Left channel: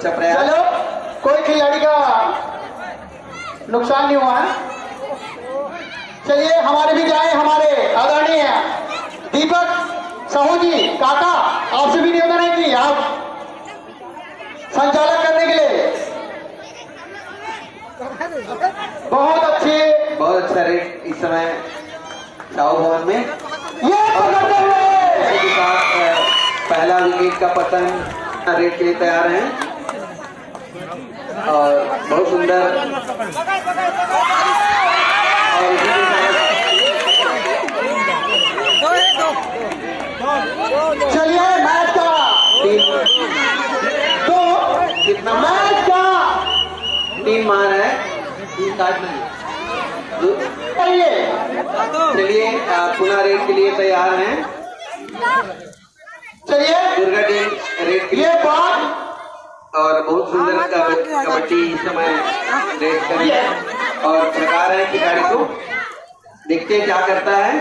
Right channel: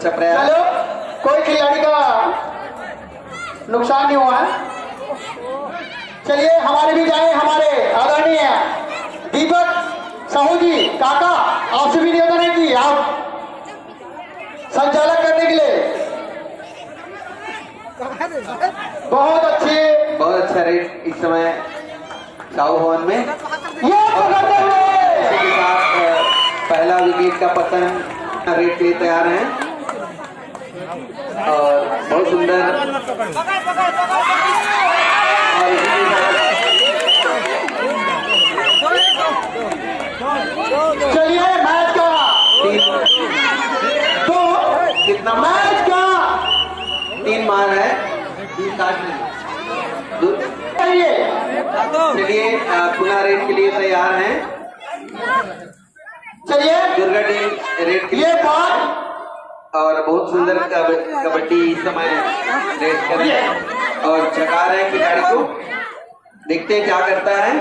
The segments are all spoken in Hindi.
अच्छा प्रयास। चलो, कोई खिलाड़ी का नुकसान नहीं हुआ है। चलिए हमारे भी जाए, हमारे आदरणीय दीपक साहू जी काका, आपसे भी निवेदन है कि आप संचालक करने के लिए बहुत अच्छा रेट इस समय साहू भवन में ये पकड़ते हुए के साथ पहला विकेट का पतन रेट के लिए तैयार हैं और बहुत सुंदर। चलिए मैच का तो कितना मैच का 3 मान है, 3 काट नहीं। चलिए पुनः रेड के लिए तैयार हैं। चलिए दुर्गा टीम रेड के लिए और बहुत सुंदर कबड्डी इस समय रेड कर रही है और चढ़ा रहे हैं खिलाड़ी को। देखते हैं क्या करता है।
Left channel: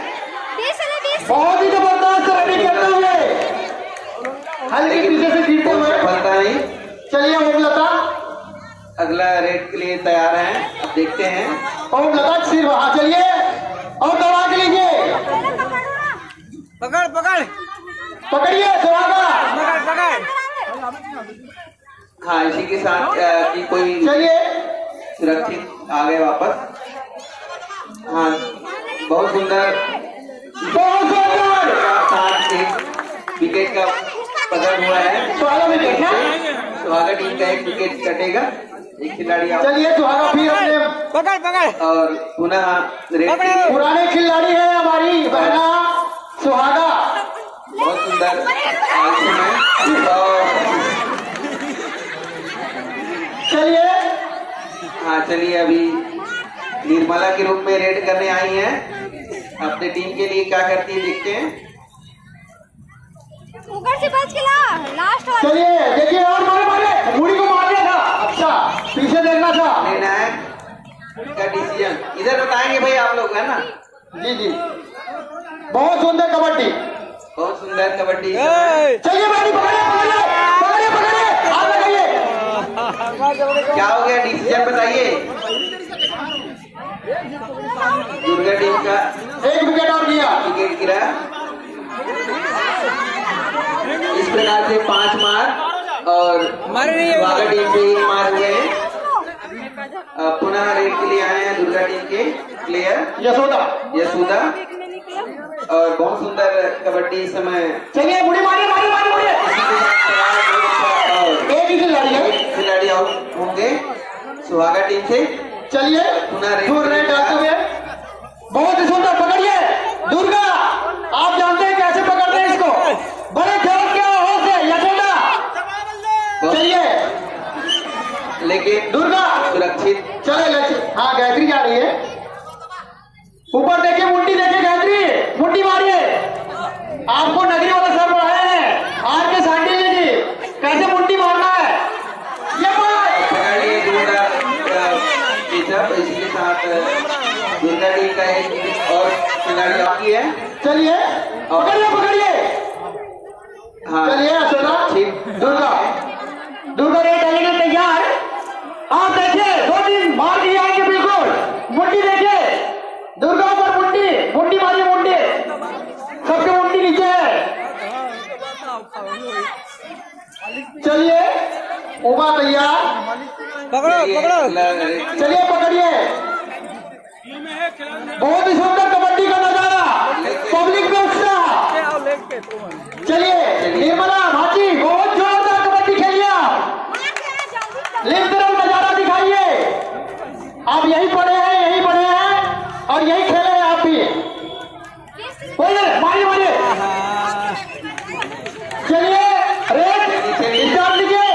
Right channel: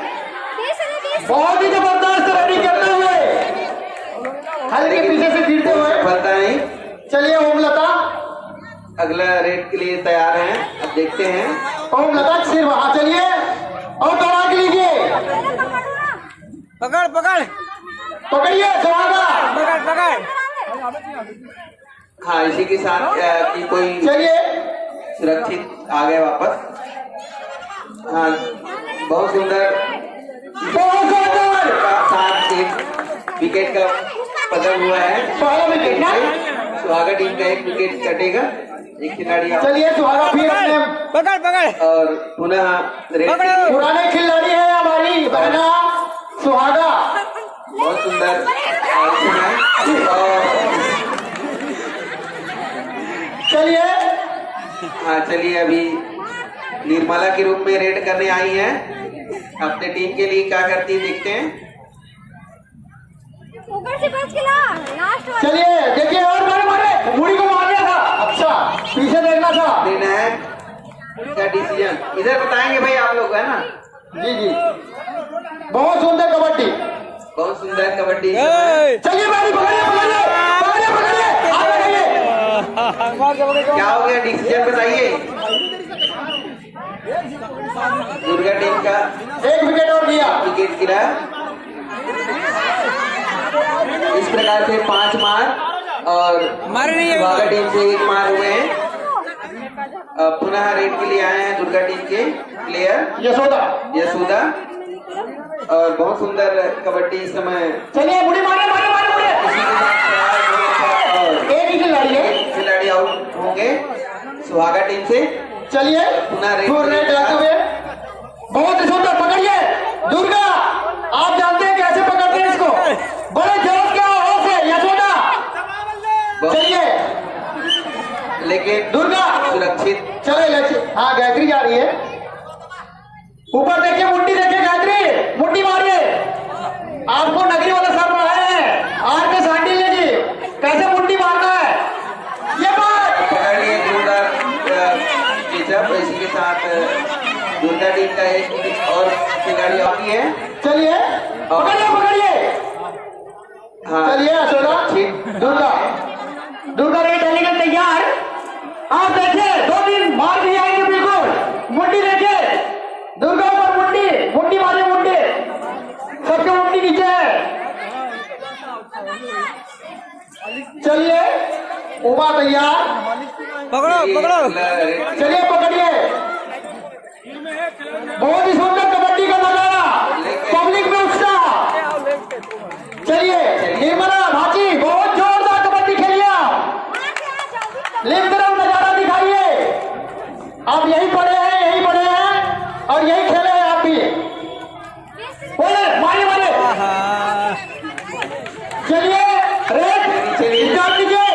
बहुत ही जबरदस्त रनिंग करते हुए, हल्के पीछे से गिरते हुए फलता नहीं। चलिए ओमलता अगला रेड के लिए तैयार हैं, अब देखते हैं। ओमलता सिर वहां, चलिए और दौड़ा के लीजिए, पकड़ पकड़ पकड़िए सुहागा, पकड़ पकड़। हाँ, इसी के साथ कि कोई चलिए सुरक्षित आ गए वापस। हाँ, बहुत सुंदर साथ एक विकेट का पतन हुआ है। सुहागा टीम का एक विकेट कटेगा, एक खिलाड़ी चलिए सुहागा फिर अपने पकड़ पकड़ और पुनः रेड के लिए पुराने खिलाड़ी है हमारी बहना सुहागा। बहुत सुंदर चलिए हाँ, चलिए अभी निर्मला के रूप में रेड करने आई हैं। अपने टीम के लिए क्या करती है देखते हैं। ऊपर से बच के ला लास्ट वाला। चलिए देखिए और मारे मारे मुड़ी को मार दिया था। अच्छा पीछे देखना था। निर्णायक का डिसीजन इधर बताएंगे भाई आप लोग, है ना। जी जी बहुत सुंदर कबड्डी, बहुत सुंदर कबड्डी। चलिए पकड़िए पकड़िए पकड़िए पकड़िए। क्या हो गया डिसीजन बताइए। दुर्गा टीम का एक विकेट और दिया। विकेट गिरा। इस प्रकार से 5 मार और सुहागा टीम से 1 मार हो गए। पुनः रेड के लिए आए हैं दुर्गा टीम के प्लेयर यशोदा और बहुत सुंदर कबड्डी इस समय। चलिए मुड़ी मारे मारे मारे मारे। एक ही खिलाड़ी है, खिलाड़ी आउट होंगे सुहागा टीम से। चलिए पुनः रेड डालते हुए बहुत ही सुंदर पकड़िए। दुर्गा आप जानते हैं कैसे पकड़ते हैं इसको, बड़े जल्द के आवाज से यशोदा। चलिए लेकिन दुर्गा सुरक्षित। चले लक्ष्य। हाँ गायत्री जा रही है, ऊपर देखिए मुट्ठी देखिए गायत्री मुट्ठी मारिए। आपको नगरी वाला सर पढ़ाया है आज के सांडी जी कैसे मुट्ठी मारना है। ये बात पकड़ लिए दुर्गा इसी के साथ दुर्गा टीम का एक और खिलाड़ी बाकी है। चलिए पकड़िए पकड़िए। हाँ, चलिए यशोदा दुर्गा रेड डालने के तैयार। आप देखिए 2 दिन मार दिए आएंगे बिल्कुल। मुट्ठी देखिए दुर्गा पर मुट्ठी मुट्ठी मारिए मुट्ठी, सबके मुट्ठी नीचे है। चलिए उमा तैयार, पकड़ो पकड़ो। चलिए पकड़िए। बहुत ही सुंदर कबड्डी का नजारा, पब्लिक में उत्साह। चलिए निर्मला भाजी बहुत जोरदार कबड्डी खेलिए, लेकर नजारा दिखाइए। आप यही पढ़े हैं और यही खेले हैं आप भी। मारिए मारिए। चलिए रेड स्टार्ट कीजिए।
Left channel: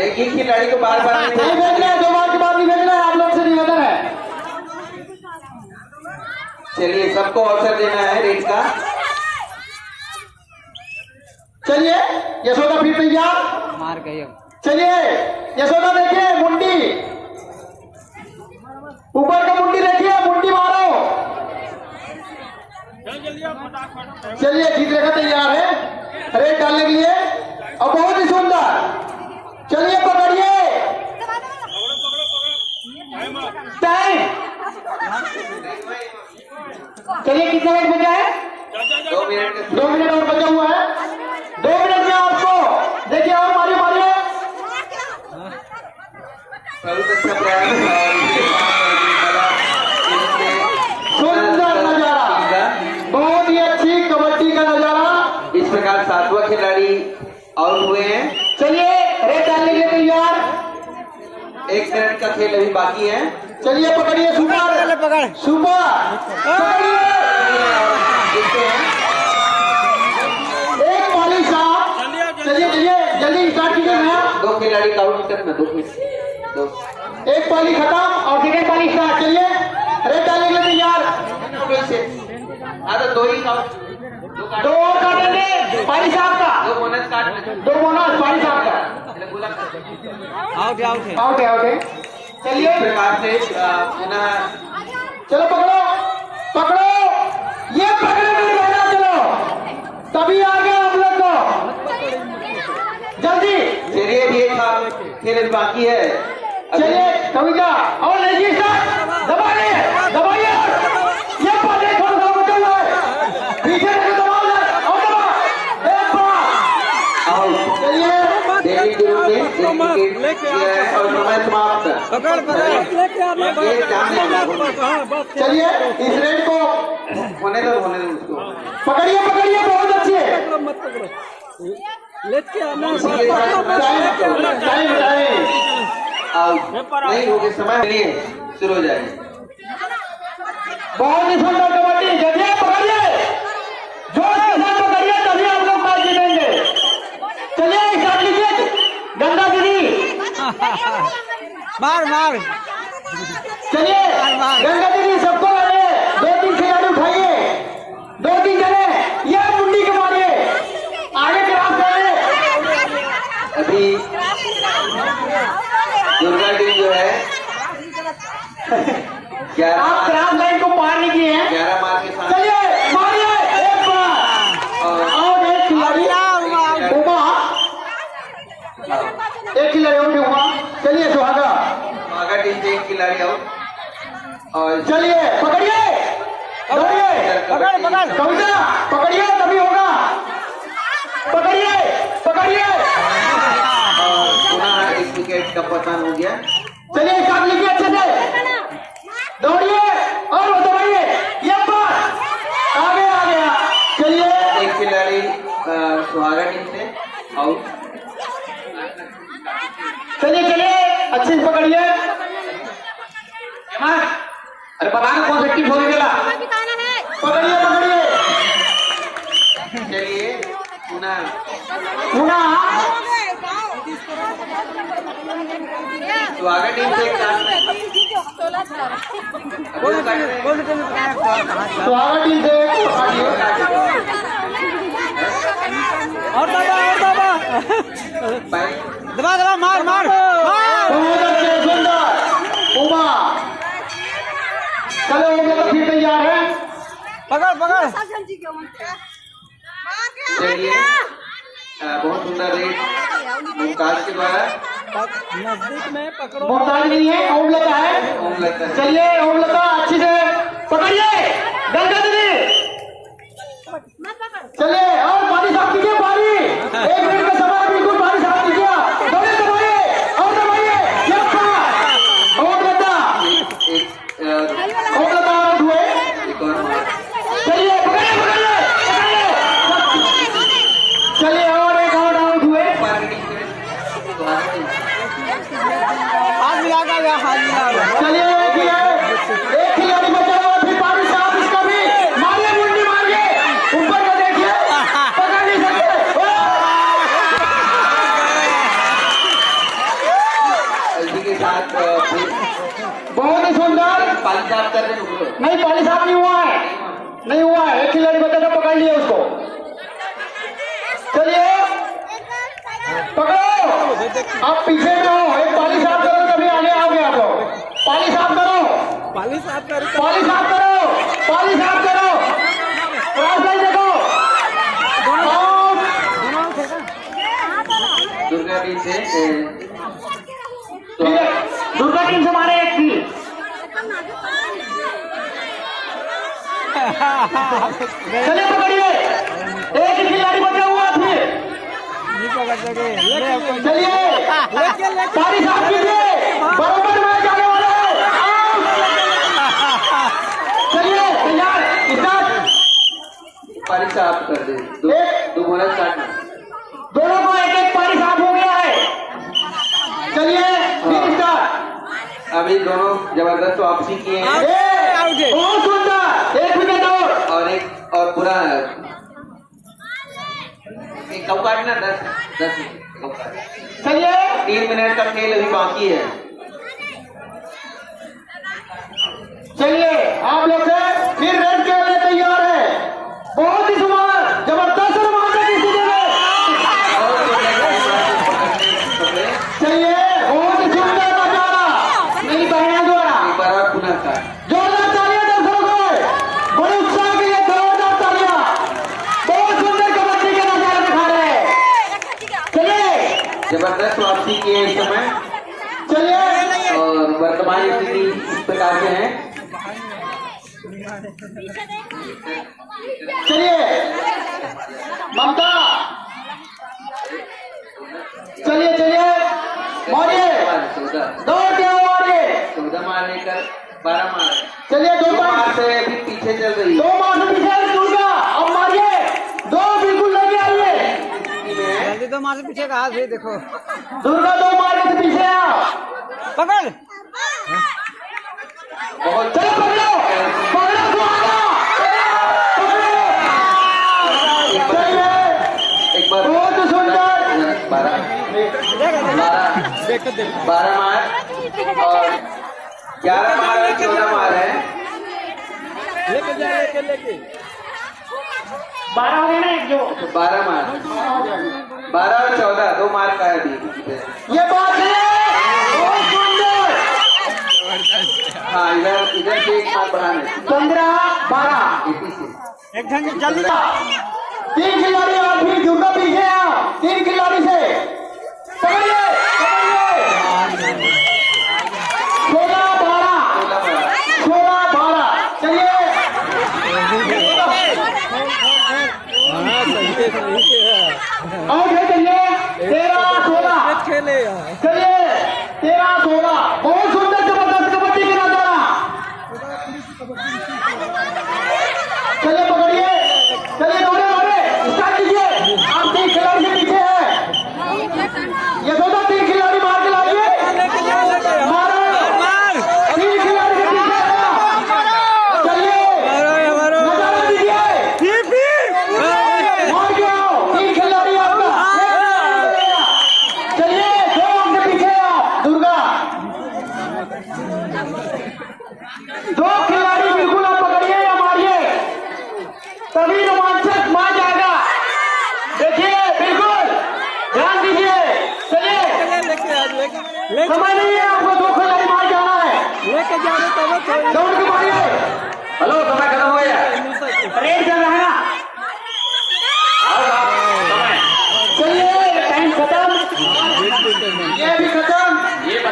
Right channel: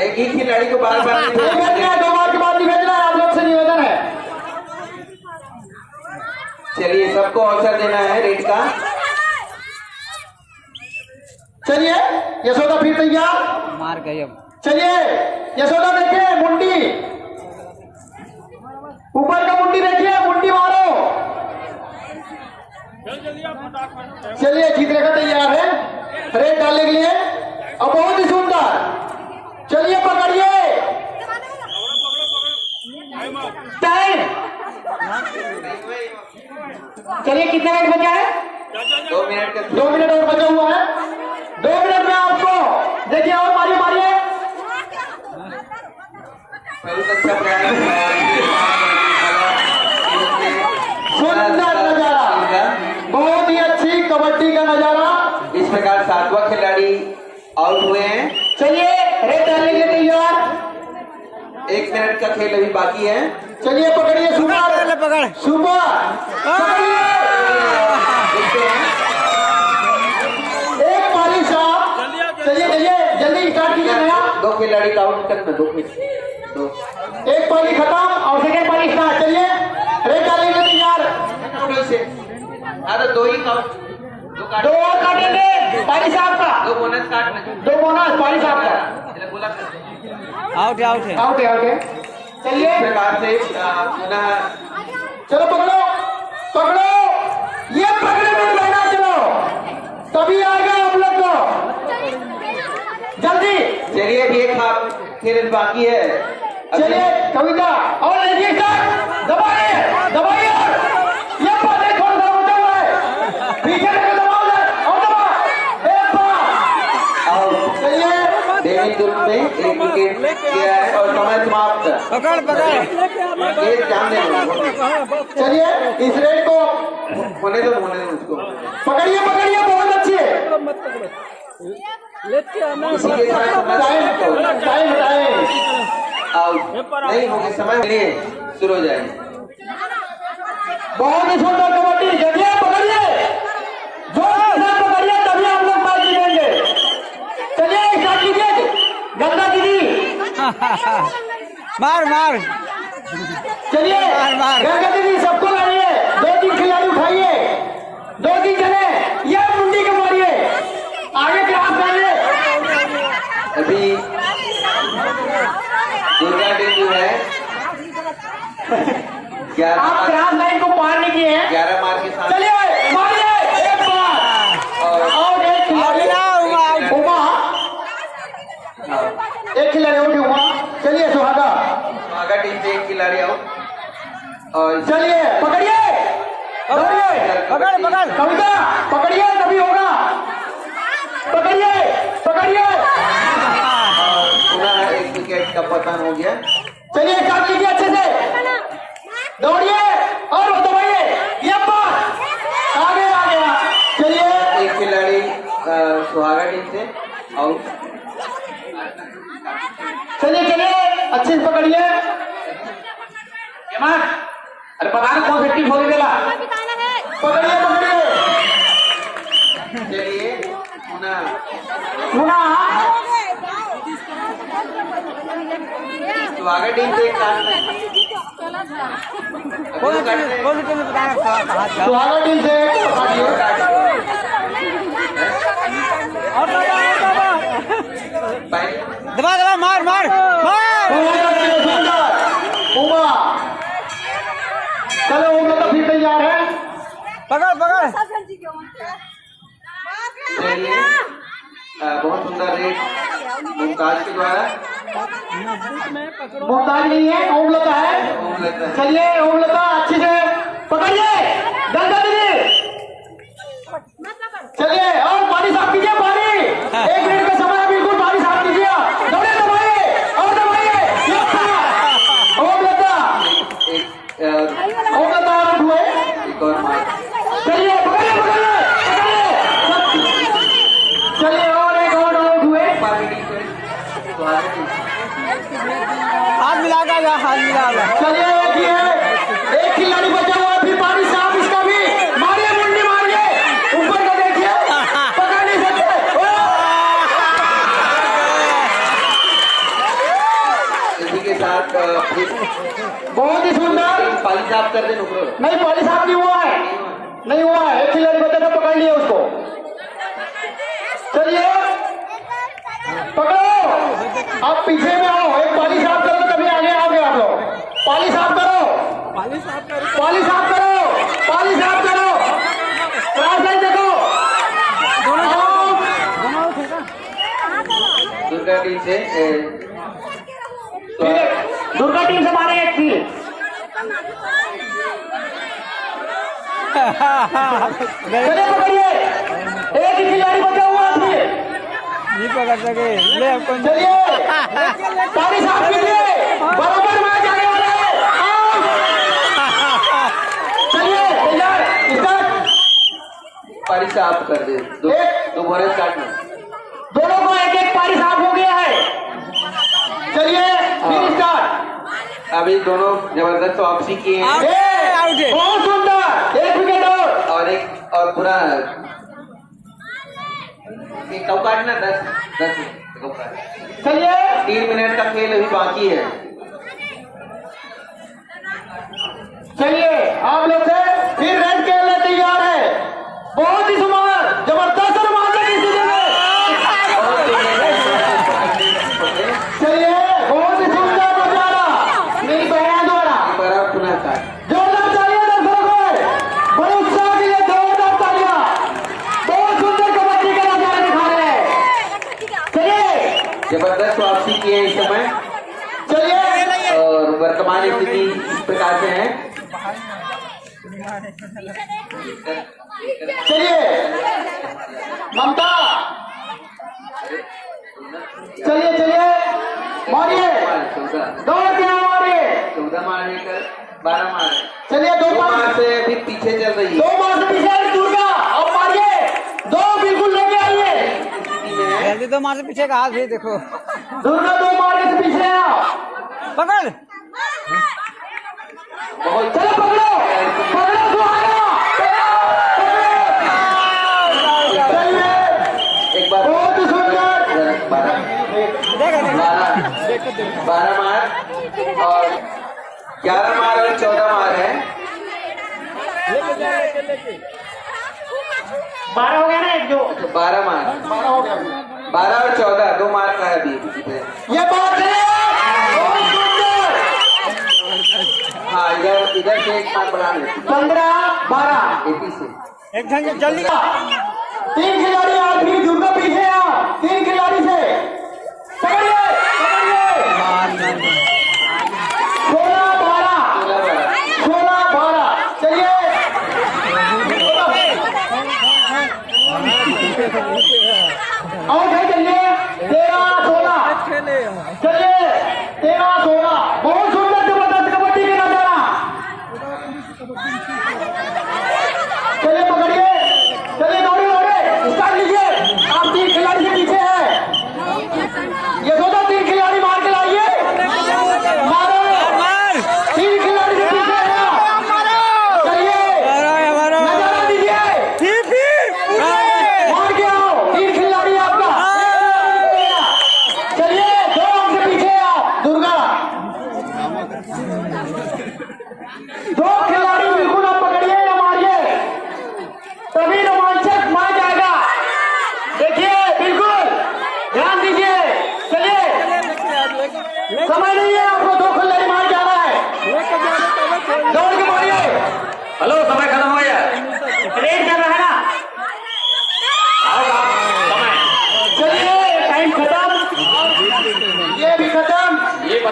एक ही खिलाड़ी को बार बार नहीं नहीं भेजना है, 2 बार के बाद नहीं भेजना है, आप लोग से निवेदन है। चलिए सबको अवसर देना है रेड का। चलिए यशोदा फिर तैयार। मार गए। चलिए यशोदा देखिए मुंडी, ऊपर का मुंडी देखिए, मुंडी मारो। चलिए जीतने का तैयार है रेड डालने के लिए और बहुत ही सुंदर चलिए कितना मिनट बचा है? 2 मिनट का 2 मिनट और बचा हुआ है। 2 मिनट में आपको देखिए और मारिए मारिए। बहुत अच्छा प्रयास सुंदर नजारा, बहुत ही अच्छी कबड्डी का नजारा। इस प्रकार 7वां खिलाड़ी आउट हुए हैं। चलिए रेड डालने के लिए तैयार। 1 मिनट का खेल अभी बाकी है। चलिए पकड़िए सुपर पकड़ सुपर पकड़िए। देखते हैं एक वाली साहब चलिए चलिए जल्दी स्टार्ट कीजिए नया। 2 खिलाड़ी का आउट तक में 2 एक पाली खत्म और सेकेंड पाली स्टार्ट। चलिए रेड डालने के लिए तैयार। फिर से तो 2 ही आउट 2 काटेंगे पाली साहब का। 2 बोनस काटना 2 बोनस पाली साहब का। आउट है आउट है आउट है आउट है। चलिए इस प्रकार से पुनः चलो पकड़ो पकड़ो ये पकड़े में मैदान चलो तभी आ गया हम लोग को जल्दी। चलिए ये खेल बाकी है। चलिए कविता और देखिए दबाइए दबाइए ये पाले थोड़ा सा बचा हुआ है पीछे से दबाओ और दबाओ एक बार। चलिए डेविड ग्रुप ने 1 विकेट लिया है और मैच समाप्त। पकड़ पकड़ ये सामने है। चलिए इस रेड को होने दो उसको। पकड़िए पकड़िए बहुत अच्छी है। इसी के साथ टाइम टाइम आउट नहीं हो गए, समय नहीं है, शुरू हो जाएगी। बहुत ही सुंदर कबड्डी। जगह पकड़िए जोर के साथ पकड़िए तभी आप लोग मैच जीतेंगे। चलिए स्टार्ट कीजिए गंगा दीदी। मार मार चलिए गंगा दीदी सबको लाइए। 2-3 खिलाड़ी उठाइए 2-3 जने ये मुंडी के मारिए आगे क्लास करिए। अभी दुर्गा टीम जो है आप क्रास लाइन को पार नहीं किए हैं। 11 मार के साथ चलिए मारिए एक बार और एक खिलाड़ी उमा एक खिलाड़ी उठी उमा। चलिए सुहागा टीम से 1 खिलाड़ी आउट और चलिए पकड़िए दौड़िए कविता पकड़िए तभी होगा। पकड़िए पकड़िए पुनः 1 विकेट का पतन हो गया। चलिए स्टार्ट लीजिए अच्छे से दौड़िए और वो दबाइए ये पार आगे आ गया। चलिए 1 खिलाड़ी सुहागा टीम से आउट। चलिए चलिए अच्छे से पकड़िए। अरे पता कौन सा टीम हो गया। पकड़िए पकड़िए चलिए पुनः सुहागा टीम से 1 सुहागा टीम से दबा दबा मार मार मार। चलो हम लोग फिर तैयार है। पकड़ पकड़ चलिए बहुत सुंदर रेड मुमताज के द्वारा। नजदीक में पकड़ो। मोहताज नहीं है ओमलता है। ओमलता। चलिए ओमलता अच्छे से पकड़िए गंगा दीदी। चलिए और पानी साफ कीजिए पानी 1 मिनट का समय बिल्कुल पानी साफ कीजिए। दौड़िए दौड़िए और दौड़िए ये ओमलता ओमलता आउट हुए। एक और मार। चलिए पकड़िए पकड़िए चलिए और एक और आउट हुए। सुहागा टीम हाथ मिला कर हाथ मिला कर। चलिए देखिए एक खिलाड़ी बचा हुआ फिर पानी साफ इसका भी मारिए मुंडी मारिए ऊपर का देखिए पकड़ नहीं सकते। इसी के साथ बहुत ही सुंदर। पाली साफ कर दें ऊपर। नहीं पाली साहब नहीं हुआ है नहीं हुआ है। एक खिलाड़ी बचा था पकड़ लिया उसको। चलिए पकड़ो आप पीछे में हो। एक पाली साफ करो तभी आगे आओगे आप लोग। पाली साफ करो पाली साफ कर पाली साफ करो पाली साफ करो क्लास लाइन देखो। दुर्गा टीम से दुर्गा टीम से मारे एक थी। चलिए पकड़िए, एक ही खिलाड़ी बचा हुआ फिर। चलिए ताली साफ कीजिए, बराबर में जाने वाले। चलिए तैयार, स्टार्ट। पारी साफ कर दे, दो बोरा स्टार्ट। दोनों को एक एक पारी साफ हो गया है। चलिए फिर स्टार्ट। अभी दोनों जबरदस्त वापसी किए हैं बहुत सुंदर, 1 विकेट और एक और पूरा एक कब काटना 10 कब काटना। चलिए 3 मिनट का खेल अभी बाकी है। चलिए आप लोग से फिर रेड के लिए तैयार है। बहुत ही सुंदर, जबरदस्त रोमांचक स्थिति में। चलिए बहुत ही सुंदर नजारा, नहीं कहना द्वारा पुनः स्टार्ट। जोरदार तालियां दर्शकों से, बड़े उत्साह के लिए जोरदार तालियां। बहुत सुंदर कबड्डी का नजारा दिखा रहे हैं। चलिए जबरदस्त वापसी किए इस समय चलिए और वर्तमान स्थिति इस प्रकार से है। चलिए ममता, चलिए चलिए मारिए, 14 दौड़ते हो मारिए। 14 मार लेकर 12 मार। चलिए 2 मार से अभी पीछे चल रही है। 2 मार से पीछे दुर्गा, अब मारिए, 2 बिल्कुल लेके आइए। जल्दी तो मार से पीछे का हाथ भी देखो। दुर्गा 2 मार के पीछे आओ, पकड़ बहुत चलो पकड़ो, पकड़ो सुहाना, चलिए एक बार बहुत ही सुंदर। 12 मार और 11 मार और 14 मार है। 12 हो गया ना एक जो। 12 मार, 12 और 14 2 मार का है अभी। ये बात है बहुत सुंदर। हाँ इधर से एक मार बढ़ाना 15 12 80 से। एक ढंग जल्दी 3 खिलाड़ी और फिर दुर्गा पीछे आओ, 3 खिलाड़ी से पकड़िए पकड़िए। 16 12 16 12 चलिए और फिर चलिए 13 16 चलिए 13 16 बहुत सुंदर जबरदस्त कबड्डी का नजारा। चलिए पकड़िए, चलिए दौड़े दौड़े स्टार्ट कीजिए। आप 3 खिलाड़ी से पीछे हैं, ये दोनों 3 खिलाड़ी मार के लाइए, मारो 3 खिलाड़ी से पीछे हैं। चलिए नजारा दीजिए, मार के आओ 3 खिलाड़ी आपका। चलिए 2 से पीछे आओ दुर्गा, 2 खिलाड़ी बिल्कुल आप पकड़िए या मारिए, तभी रोमांचक मैच आएगा। देखिए बिल्कुल ध्यान दीजिए। चलिए समय नहीं है आपको, 2 खिलाड़ी मार जा रहा है, 2